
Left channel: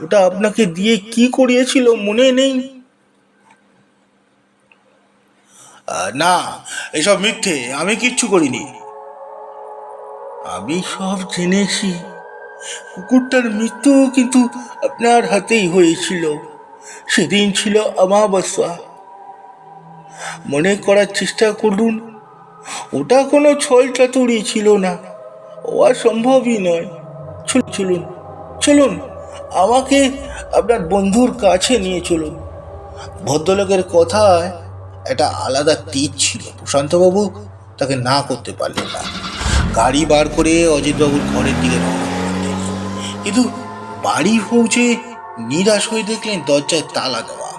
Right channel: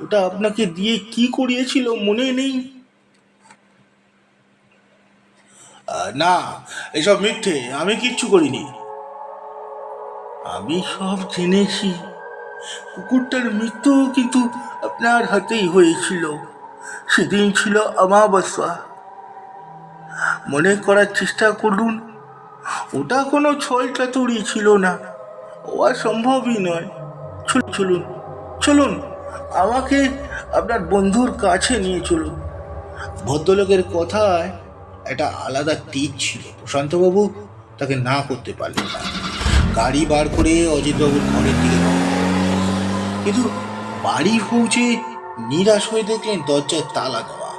ওটা আপনাকে দিয়ে কি করিয়েছিল মনে নেই? না, এসব মিথ্যে, আমি কিচ্ছু করিনি। আমি সব জেনেছি। কুকুরটার মৃত্যু কিন্তু আপনার হাতেই হয়েছিল। সেদিন ছিল অমাবস্যা। মনে করার চেষ্টা করুন, ওটা কোনো ছলচাতুরি ছিল না, হওয়া সম্ভবই নয়। চলুন চলুন, আমাকে আপনার বন্ধুর কাছে নিয়ে চলুন। ভদ্রলোকের কথায় একটা আলাদা তীর ছিল, প্রশান্তবাবু তাকে না করতে পারলেন না। গাড়ি বার করে অজিতবাবুর ঘরের দিকে রওনা করলেন। কিন্তু বাড়ি পৌঁছে নিরাশ হয়ে দেখলেন দরজায় তালা দেওয়া,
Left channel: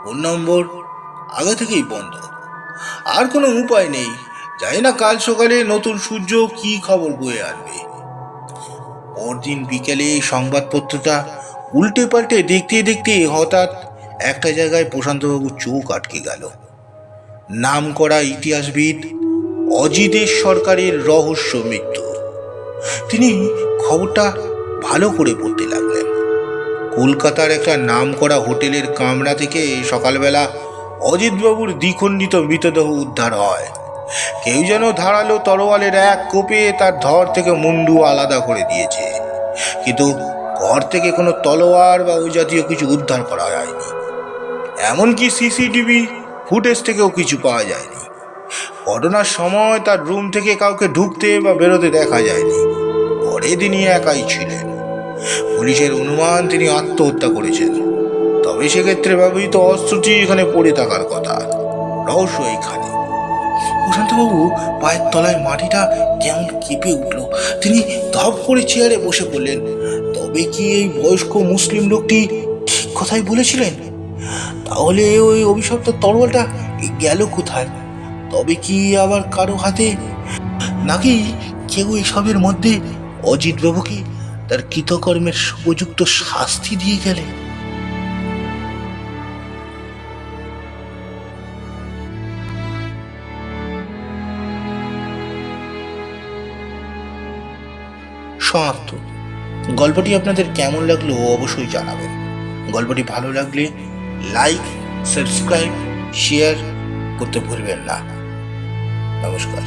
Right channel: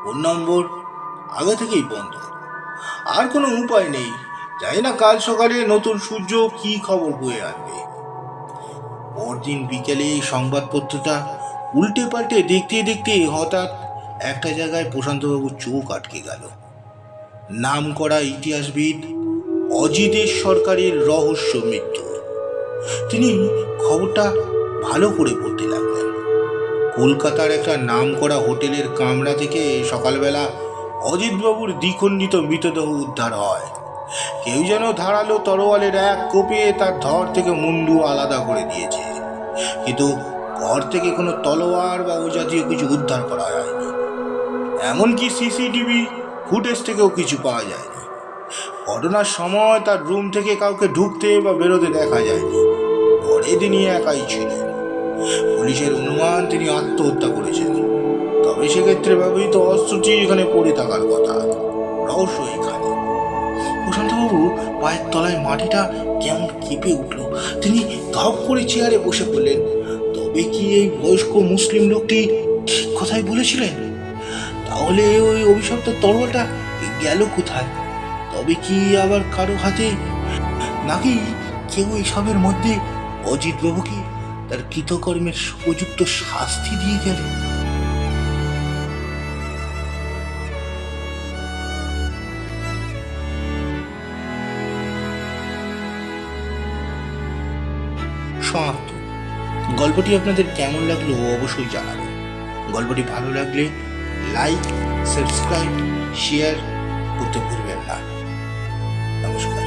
ফোন নম্বর আগে থেকেই বন্ধ। আর কোনো উপায় নেই, জানি না কাল সকালে নতুন সূর্য কি খবর বয়ে আনবে। পরদিন বিকেলে সংবাদপত্রটা উল্টে পাল্টে দেখতে দেখতে হঠাৎ একটা জায়গায় প্রশান্তবাবুর চোখ আটকে গেল। নামকরা ইতিহাসবিদ অজিতেশ সরকারের রহস্য মৃত্যু। তিনি খবরটা ভালো করে পড়তে লাগলেন। কলকাতার একটা নামকরা হোটেলের কামরা থেকে সকালবেলা অজিতবাবুর দ্বিখণ্ডিত মৃতদেহ উদ্ধার হয়। কেউ যেন ধারালো তরোয়ালের এক কোপে তার ধর থেকে মুন্ডু আলাদা করে দিয়েছে, কিন্তু ঘর থেকে কোনো তলোয়ার বা ওই জাতীয় কিছু উদ্ধার করা হয়নি। এমনকি সিসিটিভি ফুটেজ থেকেও কিছু পাওয়া যায়নি। ঘটনার সময় তার রুম থেকে কাউকে ঢুকতে বা বেরোতে দেখা যায়নি। ঘরে তিনি একাই ছিলেন। পুলিশের অনুমান তিনি আত্মহত্যা করেছেন। তবে সেক্ষেত্রে ব্যবহৃত অস্ত্রটি এখানে পড়ে থাকার কথা। রহস্য এখানে। প্রশান্তবাবু পায়ের তলায় মাটিটা কেমন কেঁপে উঠল। তিনি ধপ করে চেয়ারে বসে পড়লেন। তবে কি এই বয়স্ক মুসলিম লোকটি ঠিক কথাই বলেছিলেন? তাহলে ওই অভিশপ্ত তরোয়ালটা গেল কোথায়? তবে কি আবার কারো হাতে, নাকি কেউ এসবের মধ্যে অজিতবাবুকে তার কৃতকর্মের উপযুক্ত শাস্তি দিয়ে গেলে? সমাপ্ত। গল্পটি আপনাদের কেমন লাগলো অবশ্যই জানাবেন। গল্পটি ভালো লাগলে লাইক, সাবস্ক্রাইব, শেয়ার করতে ভুলবেন না। নমস্কার।